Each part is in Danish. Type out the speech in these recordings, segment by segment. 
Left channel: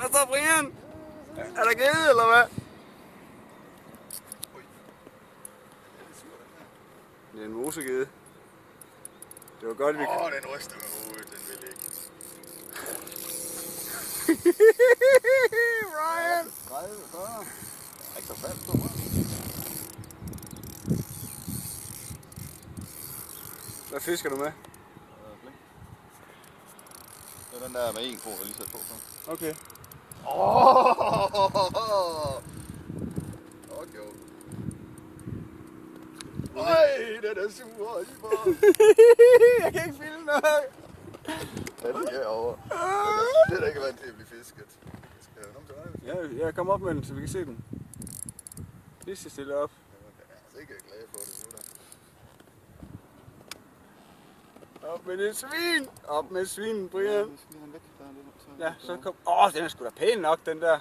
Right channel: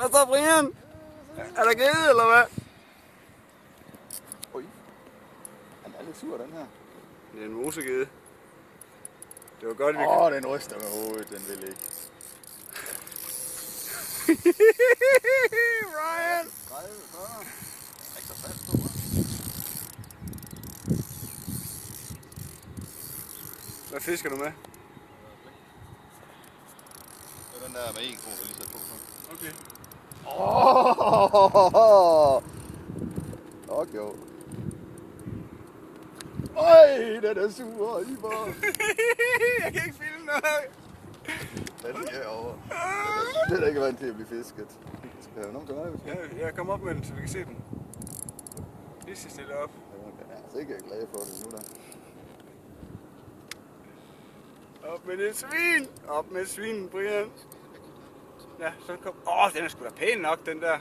Hvad så, Brian? Er der gede, eller hvad? Oj. Den er lidt sur, den her. Det er en mosegede. Det var godt, vi den ryster med hovedet, den vil ikke. Brian! 30, 40. Ikke så fast på mig. Hvad fisker du med? Det er den der med 1 krone, jeg lige sat på så. Okay. Jo. Øj, den er sur, Ivar. Jeg kan ikke filme noget. Den er herovre. Den er ikke vant til at blive fisket. Skal jeg nogen til mig? Ja, kom op med den, så vi kan se den. Lige så stille op. Den er altså ikke glad for det nu, der. Op med det svin! Op med svinen, Brian. Ja, så kom... den er sgu da pæn nok, den der.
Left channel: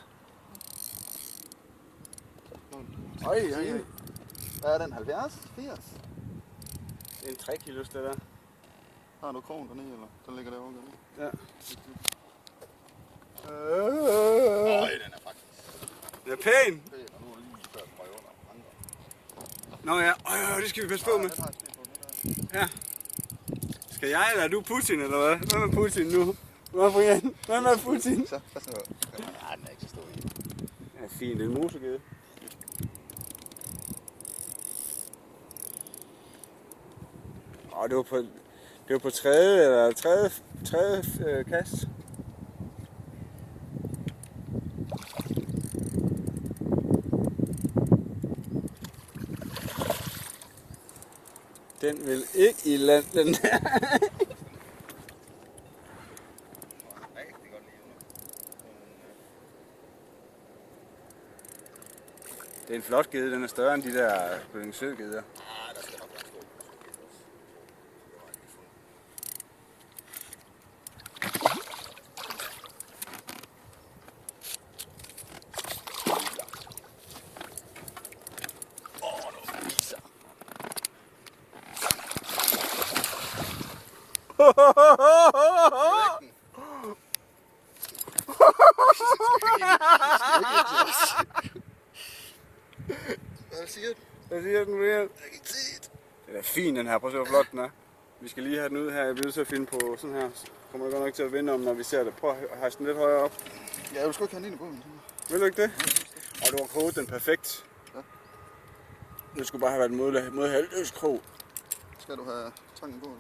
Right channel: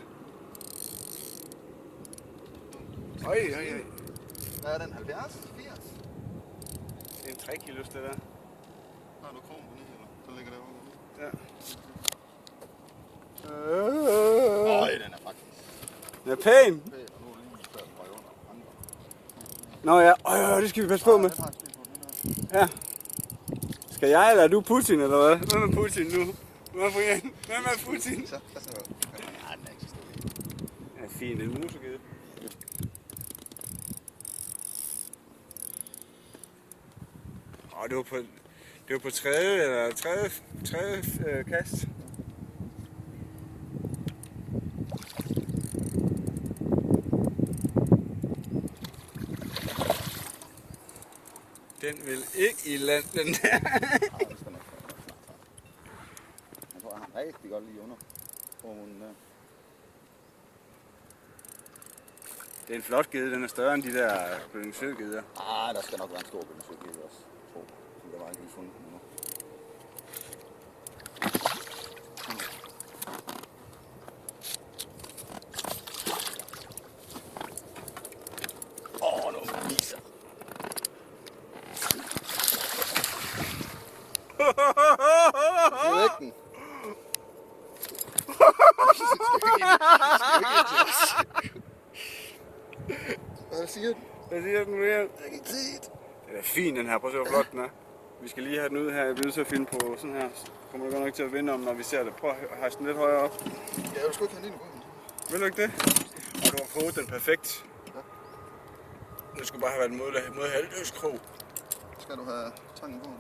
Øj. Hvad er den? 70? 80? Det er en 3 kilos, det der. Har du krogen dernede, eller? Den ligger derovre. Ja. Øj, den er faktisk. Den er pæn. Pæn, og nu er lige før den røg under andre. Nå ja, det skal vi passe på med. Den har jeg sten på, den der. Ja. Skal jeg, eller er du Putin, eller hvad? Hvad med Putin nu? Hvad, Brian? Hvad med Putin? Så. Ja, den er ikke så stor i. Ja, fint. En mosegede. Det var på tredje kast. Den vil ikke i land, den der. Den var rigtig godt lige under. Det er en flot gede, den er større end de der Bødningsø-geder. Der skal nok være en stor bødningsø også. Jeg var ikke lige fundet den endnu. Nu viser. Vægten. Hvad siger den? Hvad siger den, Brian? Jeg kan ikke se det. Den er fin, den her. Prøv at se, hvor flot den er. Vi skal lige have den ud her. Jeg bliver nødt til at finde på sådan her. Så kommer det godt nok til at vinde om, når vi ser det. Prøv at hejse den lidt højere op. Ja, jeg skal ikke have den ind i bunden. Vil du ikke det? Og du har koget den perfekt. Ja. Det skulle bare have været en mod halvdøs krog. Skal du have tangen på nu?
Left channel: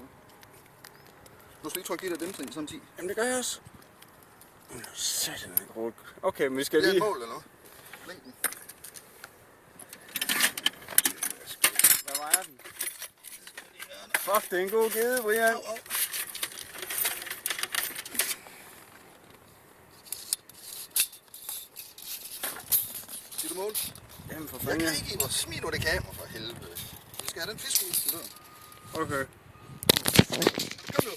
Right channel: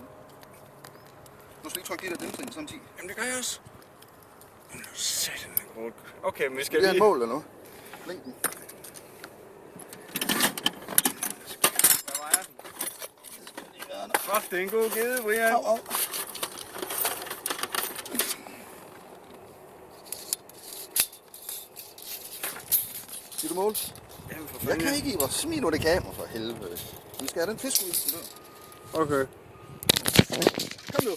Du skal ikke trykke det der dæmper i samtidig. Jamen det gør jeg også. Satan, den er grå. Okay, men vi skal Det er lige... et mål eller noget. Længden. Hvad vejer den? Fuck, det er en god gede, Brian. Au. Siger du mål? Jamen for Jeg fanden. kan ikke, Ivar. Smid nu det kamera for helvede. Vi skal have den fisk ud i den dør. Okay. Kom nu.